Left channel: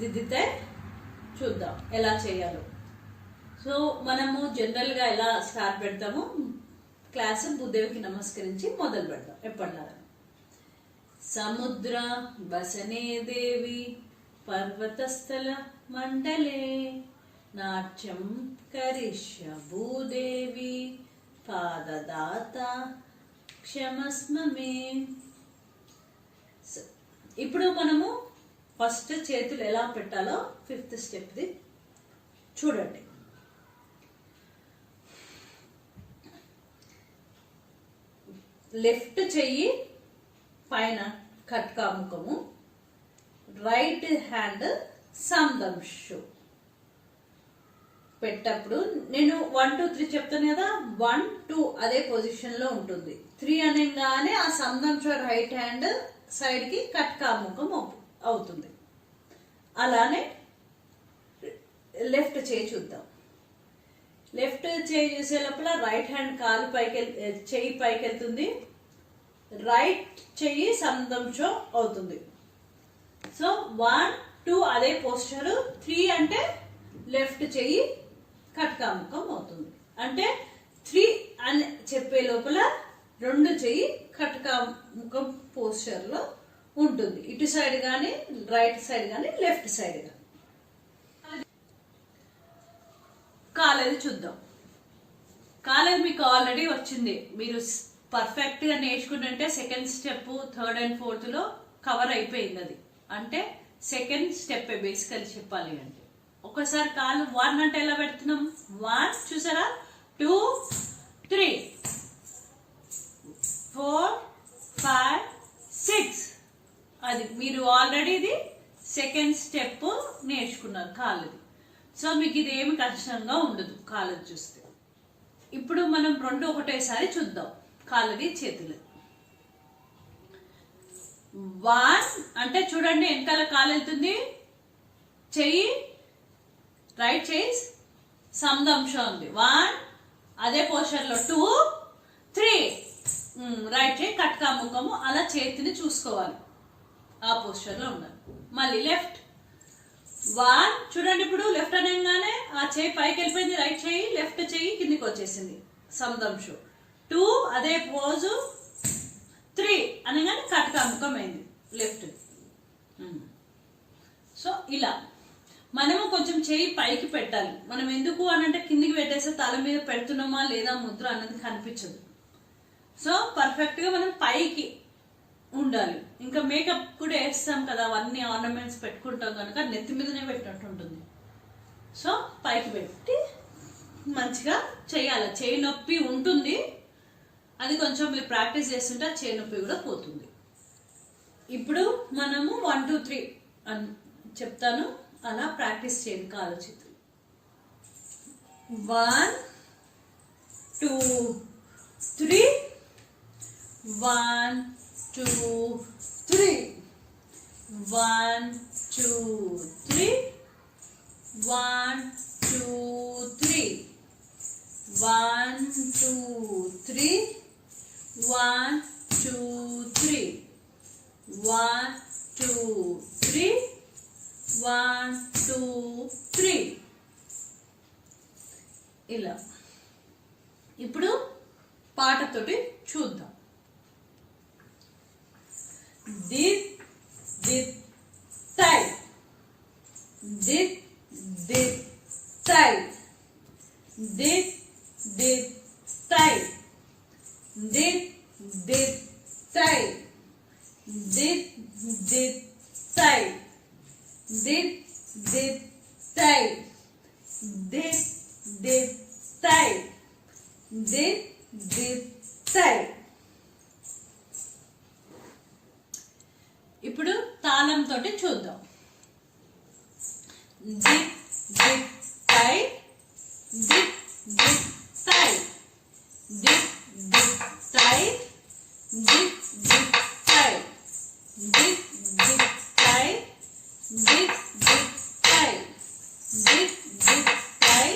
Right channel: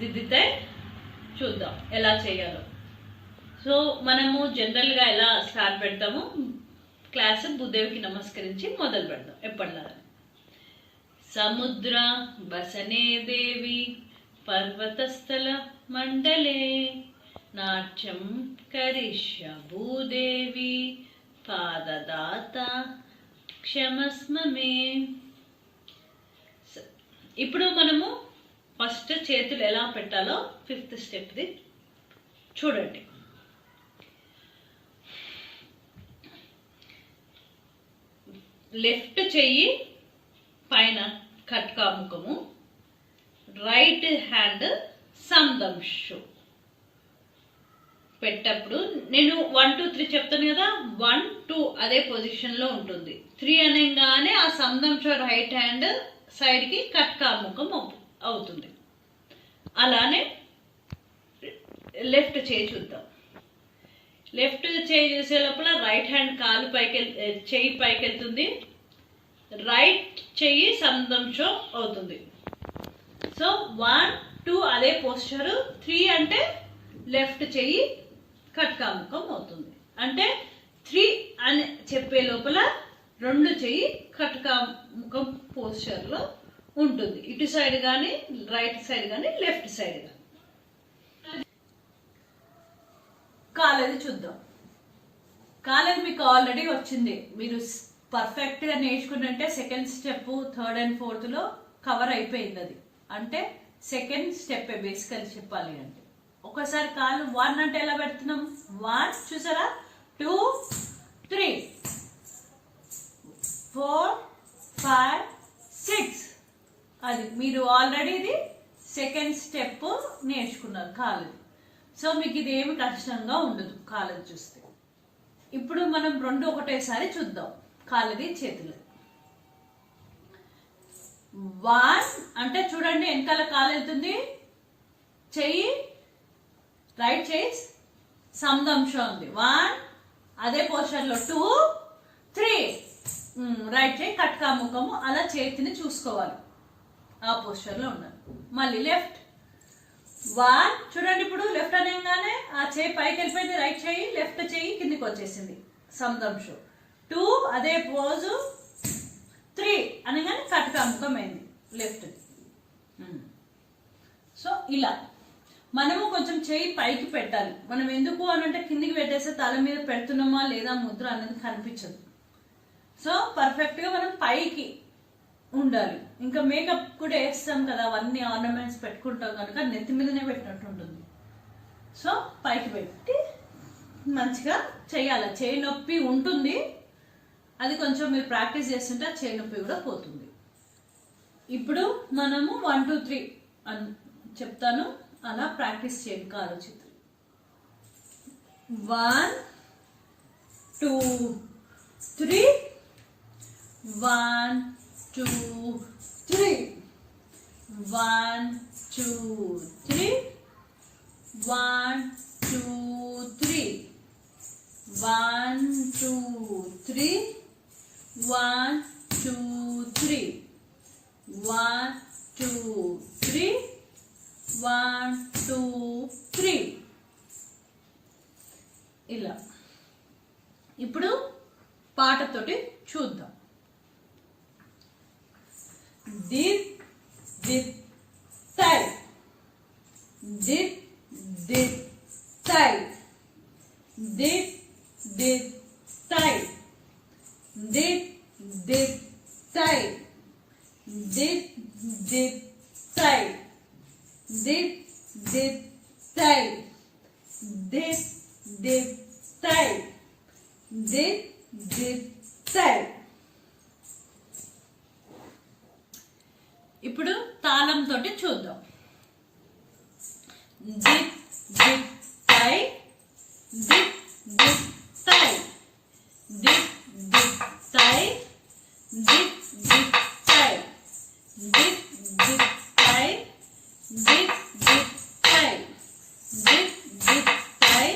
దిద్దితే చూద్దాం ఎలా చేయాలో. సో మనము జనరల్గా ఎలా స్టార్ట్ పెడతాము, క్లాస్ భూదేవికి నమస్కరించి మొదలు పెడతాం ఎప్పటిలాగా. సముద్ర వసనే దేవి పర్వతస్థల మండలే నాట్యం కరిష్య భూదేవి పాదదాత క్షమస్మ మే. ఇప్పుడు మనము ఫస్ట్ చేతులు ఎలా పెట్టాలో 5th స్టెప్ది చూడండి. లెఫ్ట్ చెయ్యి పైన కట్కాముఖము, రైట్ హ్యాండ్ సందంశు పెట్టప్పుడు నేను 1 2 3 చెప్తాను కదా, 1 2 అదే పొజిషన్లో ఉంటుంది. 3 అనగానే ఆ సందంశు రైట్ హ్యాండ్ సైడ్కి కట్కాముఖం అవుతుంది. అలానే లెఫ్ట్ చేయి చూద్దాం. లెఫ్ట్ చేయి చూసే లోపల రైట్ హ్యాండ్ కాలు చెయ్యి పైకి వెళ్తుంది, రైట్ చెయ్యి సందంశో అవుతుంది. సో 1 2 అదే పోస్చరు, 3 అంటే లెఫ్ట్ చెయ్యి కట్కాముఖం అవుతుంది. అంటే 3 అని చెప్పే లోపల 2 చెయ్యి కట్కాముఖం పోస్చర్లో ఉంటుంది, ఇటు సైడ్ కానీ రైట్ సైడ్ కానీ లెఫ్ట్ సైడ్ కానీ. కాలేది చూద్దాం. కాలేది మీకు ఆల్రెడీ వచ్చింది, మీరు పర్ఫెక్ట్గా నేర్చుకుంటే 2nd step 3rd and 4th లో కవర్ అయిపోయింది. అది అంటే 2nd స్టెప్ బేసికల్ చెప్పాలి అంటే. ఒకసారి కాలు 1 అంటే ఎలా పెడుతున్నాం, 1 చూసారా, 2 3 4 5 6. అది మీరు ఆల్రెడీ ఇది 2nd స్టెప్ నేర్చుకున్నారు కాలేది. సో మీకు ఇది ఏమి కష్టంగా ఉండదు కాలేది చూస్తే. ఇప్పుడు మనం 2 ఒకటేసారి చూద్దాం. కాళ్ళది చేతులు 1 అంటే చూడండి వెనకాల కాలు వెళ్తుంది, చెయ్యి రైట్ చెయ్యి సందంశ ఉంది, 1 అదే పోస్చర్లో 2 3 రైట్ చెయ్యి కట్కాముఖము. అలా చేతిని చూసుకోవాలి, ఆ పోస్చర్లో ఉండాలి. మళ్ళీ లెఫ్ట్ 1 చూడండి, ఇప్పుడు లెఫ్ట్ అనగానే ఆ చేయి పైకి వెళ్ళిపోయింది, రైట్ చెయ్యి లెఫ్ట్ చెయ్యి కిందికి వచ్చేసింది సందంశు. 2 అదే పోజు, 3 అనగానే కట్కాముఖం అయింది లెఫ్ట్. సో ఇలా మనము కొంచెం చేయి పైకి పెట్టాలి. మనం ఎందుకు అనంటే కిందికి పెట్టేస్తే తల మీద పెడుతున్నామా లేదా ముద్ర అనేది కనిపించదు. సో పర్ఫెక్ట్గా మనం పైకి ఉండాలి. ఇంకా మేకప్ కూడా వేస్తాం కదా, అవన్నీ ఆర్నమెంట్స్ పెట్టుకుంటాం కనుక నెత్తి మీదనే పెట్టినట్టు ఉంటుంది. సో పైకి పెట్టి మంచిగా చేయాలి. చేయి నొప్పి ఉంటుంది, అది కొంచెం మీరు ప్రాక్టీస్ చేస్తుంటే ఆ చేయి నొప్పి కూడా పోతుంది. ఇప్పుడు మనము 1 2 3 అని చెప్తాను, అలా ప్రాక్టీస్ చేయండి కాలు చేతులు. 1 2 3 1 2 3 1 2 3 1 2 3 1 2 3 1 2 3 1 2 3 1 2 3 ఇలా. ఇప్పుడు పాటతోటి చూద్దాం. దిత్ దిత్ తై, దిత్ దిత్ తై, దిత్ దిత్ తై, దిత్ దిత్ తై, దిత్ దిత్ తై, దిత్ దిత్ తై, దిత్ దిత్ తై, దిత్ దిత్ తై. ఇప్పుడు తాళంతో చూద్దాం. దిత్ దిత్ తై, దిత్ దిత్ తై, దిత్ దిత్ తై, దిత్ దిత్ తై, దిత్ దిత్ తై, దిత్ దిత్ తై, దిత్ దిత్ తై,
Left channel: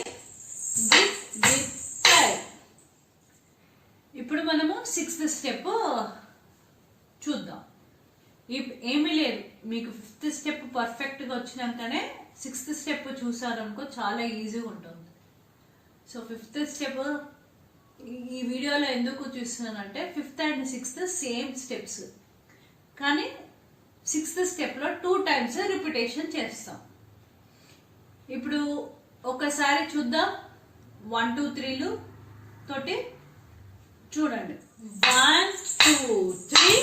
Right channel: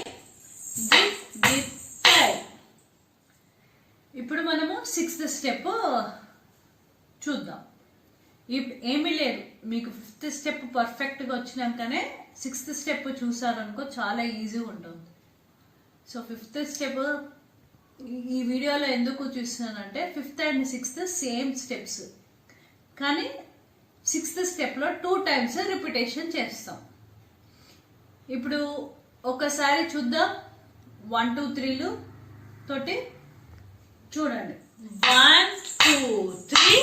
దిత్ దిత్ తై. ఇప్పుడు మనము 6th స్టెప్ చూద్దాం. ఏమీ లేదు, మీకు 5th స్టెప్ పర్ఫెక్ట్గా వచ్చినాకనే 6th స్టెప్ చూసారనుకో చాలా ఈజీగా ఉంటుంది. సో 5th స్టెప్ ఈ వీడియోలో ఎందుకు చూస్తున్నానంటే 5th and 6th same steps, కానీ 6th స్టెప్లో 2 times రిపిటేషన్ చేస్తాం. ఇప్పుడు ఒకసారి చూద్దాం 1 2 3లు తోటి చూడండి. 1 2 3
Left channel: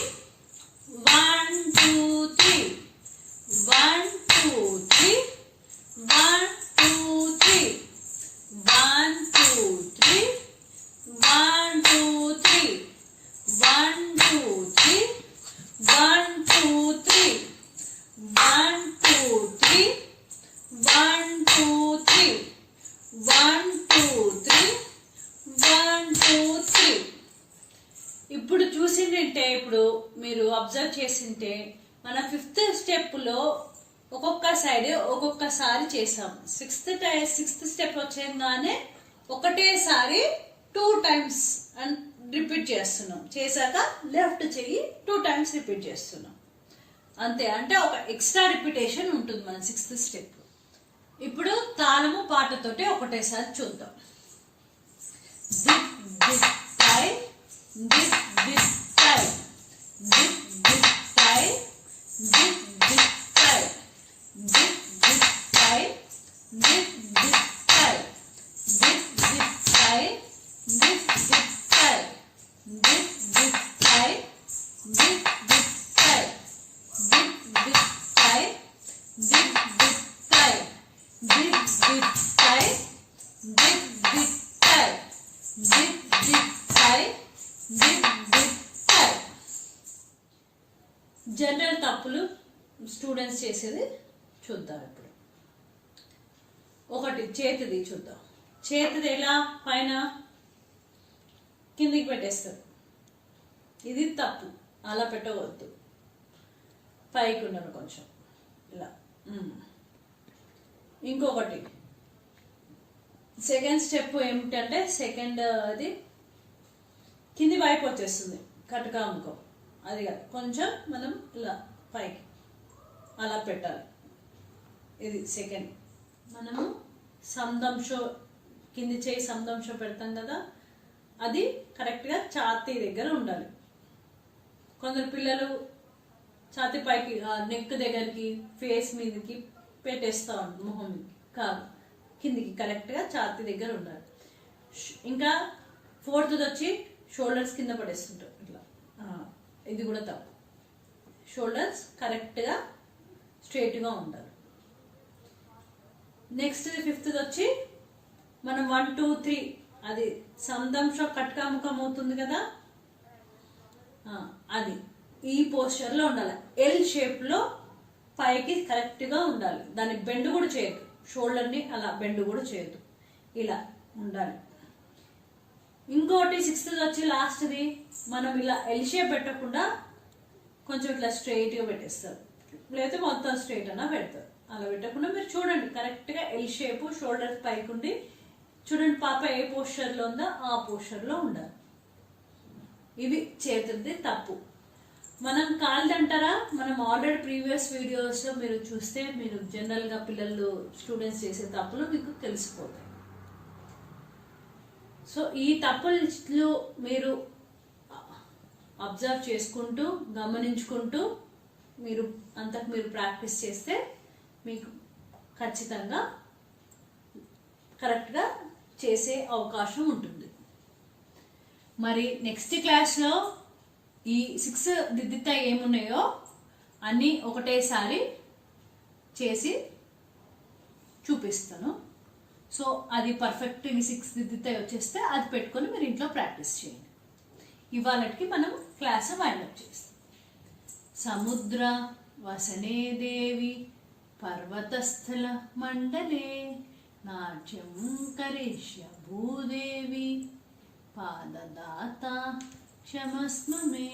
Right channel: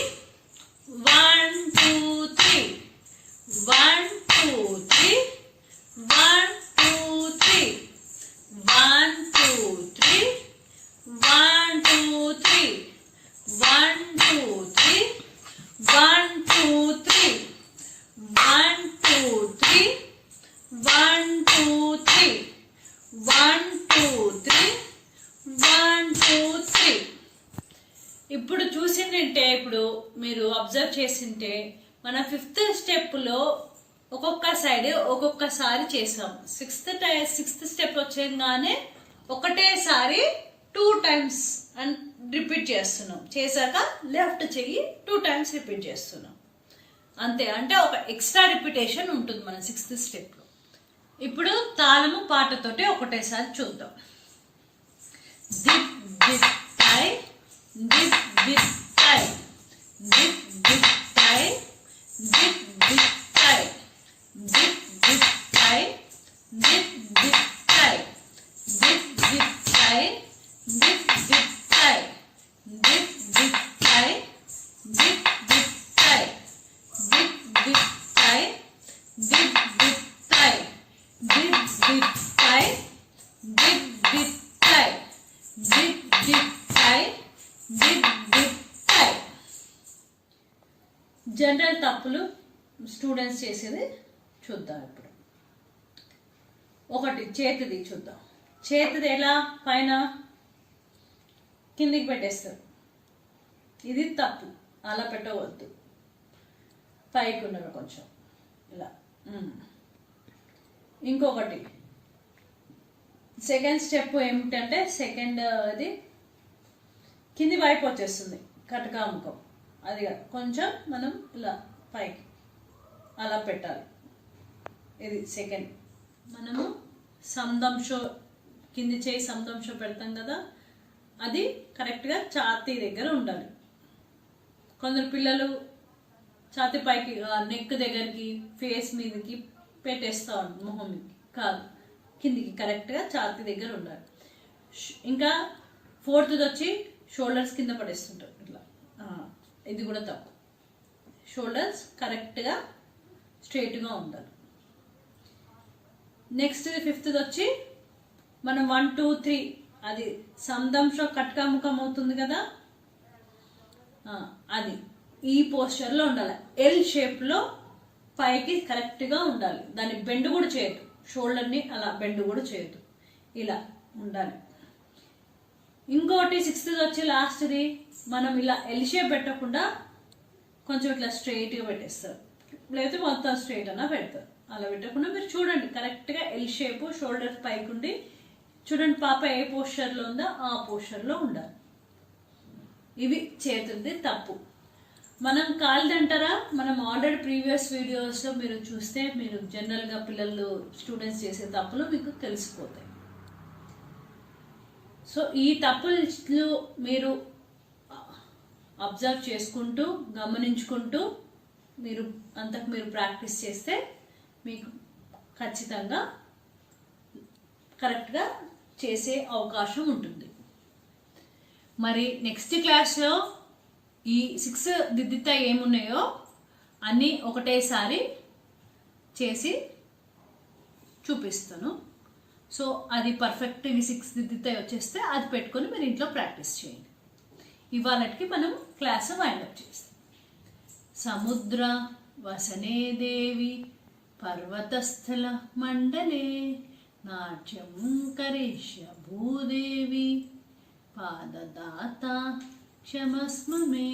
1 2 3 1 2 3 1 2 3 1 2 3 1 2 3 1 2 3 1 2 3 1 2 3 1 2 3 1 2 3 1 2 3. ఇప్పుడు చూసిందంటే, ఇప్పుడు మీరు అబ్జర్వ్ చేసింటే మన 5th స్టెప్లో ఒక్కొక్క సైడ్ ఒక్కొక్కసారి చేసాం. 6th స్టెప్ వచ్చేగానే ఒకటేసారి 2 times అని రిపీట్ చేస్తున్నాం. చేశాక లెఫ్ట్ చెయ్యి 2 times రిపీట్ చేస్తున్నాం. అంతే, అంటే ఒక ఎక్స్ట్రా రిపిటేషన్ ఉంటుంది మన 6th స్టెప్లో. ఇప్పుడు తాళము పాటతోటి ఒకటేసారి చూద్దాం. దిప్ దిప్ టై దిప్ దిప్ టై దిప్ దిప్ టై దిప్ దిప్ టై దిప్ దిప్ టై దిప్ దిప్ టై దిప్ దిప్ టై దిప్ దిప్ టై దిప్ దిప్ టై దిప్ దిప్ టై దిప్ దిప్ టై దిప్ దిప్ టై దిప్ దిప్ టై దిప్ దిప్ టై దిప్ దిప్ టై దిప్ దిప్ టై. జనరల్ తప్పులు స్టూడెంట్స్ చేసేది చూద్దాం. ఇప్పుడు ఒకటి చేతిది చూద్దాం. చేతిది ఎలా పైన కిందికి పెట్టేస్తారు, ఇది తప్పు, అలా పెట్టవద్దు, పైకి ఉన్నది కొంచెం ఇలా. ఇంకొకటి సెకండ్ స్టెప్ ఏమిటంటే, సెకండ్ అది కింది వైపు వచ్చేస్తుంది కటకాముఖం, అది కొంచెం మనం ఇలా పైకి అలా పెట్టాలి. ఇది సెకండ్. మనము సందంశో కింది చేయి సందంశో పెడతాం కదా, అది కరెక్ట్గా ఛాతీ దగ్గర ఉండాలి. కొందరు పిల్లలు ఛాతీ పైకి నెక్ దగ్గరికి ఫేస్ మీదకి పెట్టేస్తా ఉంటారు, మొహంకి కాదు, కిందికి కరెక్ట్గా ఛాతీ దగ్గర ఉండాలి. ఇంకా 4th వచ్చి షోల్డర్స్ కింద పడేస్తుంటారు ఇట్లా, ఇది కూడా తప్పు. షోల్డర్స్ కరెక్ట్గా స్ట్రైట్గా ఉండాలి. నెక్స్ట్ 5th వచ్చి మనం 1 2 3 అది సందంశ కట్కాముఖం అవుతుంది కదా, అది ఈ పోస్చర్లో ఉండాలి. ఎల్ షేప్లో పైకి కరెక్ట్గా ఉండాలి. దాన్ని బెండ్ కూడా చేయొద్దు, షోల్డర్ని అలా బెండ్ కూడా చేయొద్దు, ఇలా ఉండాలి. ఇంకోటి 6th వచ్చి లాస్ట్ది, మనం ఇలా ఎల్ షేప్ పెట్టకుండా కొంచెం ఇట్లా స్ట్రైట్గా పెట్టేస్తారు, లేకపోతే మొత్తం స్ట్రైట్ అన్నా పెడతారు. అలా పెట్టకుండా మీరు చూడండి కరెక్ట్గా ఎల్ షేప్, షోల్డర్ పైకి ఉండి చూడండి పాప ఏ పోస్చర్లో ఉందో ఆ పోస్చర్లో ఉండాలి. ఇవి చేతులది తప్పు. మనం కాళ్ళది అంటారా, మనం ఆల్రెడీ ప్రీవియస్ వీడియోస్లో మీరు చూస్తే మీరు జనరల్గా పిల్లలు స్టూడెంట్స్ చేసే తప్పులు మీకు తెలిసిపోతాయి. సో ఈ తప్పులు మీరు అబ్జర్వ్ చేసుకుంటూ గమనించుకుంటూ మీరు అంతకు మీరు ప్రాక్టీస్ చేస్తే మీకు ఖచ్చితంగా కరెక్ట్గా చేసే అవకాశం ఉంటుంది. మరి నెక్స్ట్ క్లాస్లో ఈ 6 దిద్దిత ఏమున్నాయో అన్నీ ఒకటేసారి చేసి చూపిస్తాను. సో అది పర్ఫెక్ట్ 6 దిద్దిత వచ్చేస్తే అది పెట్టుకొని మీరు ఇంట్లో ప్రాక్టీస్ చేయండి. ఇవాళకి మనం క్లాస్ వైండప్ చేస్తాం. సముద్ర వసనే దేవి పర్వతస్థల మండలే నాట్యం కరిష్య భూదేవి పాదదాత క్షమస్మ మే.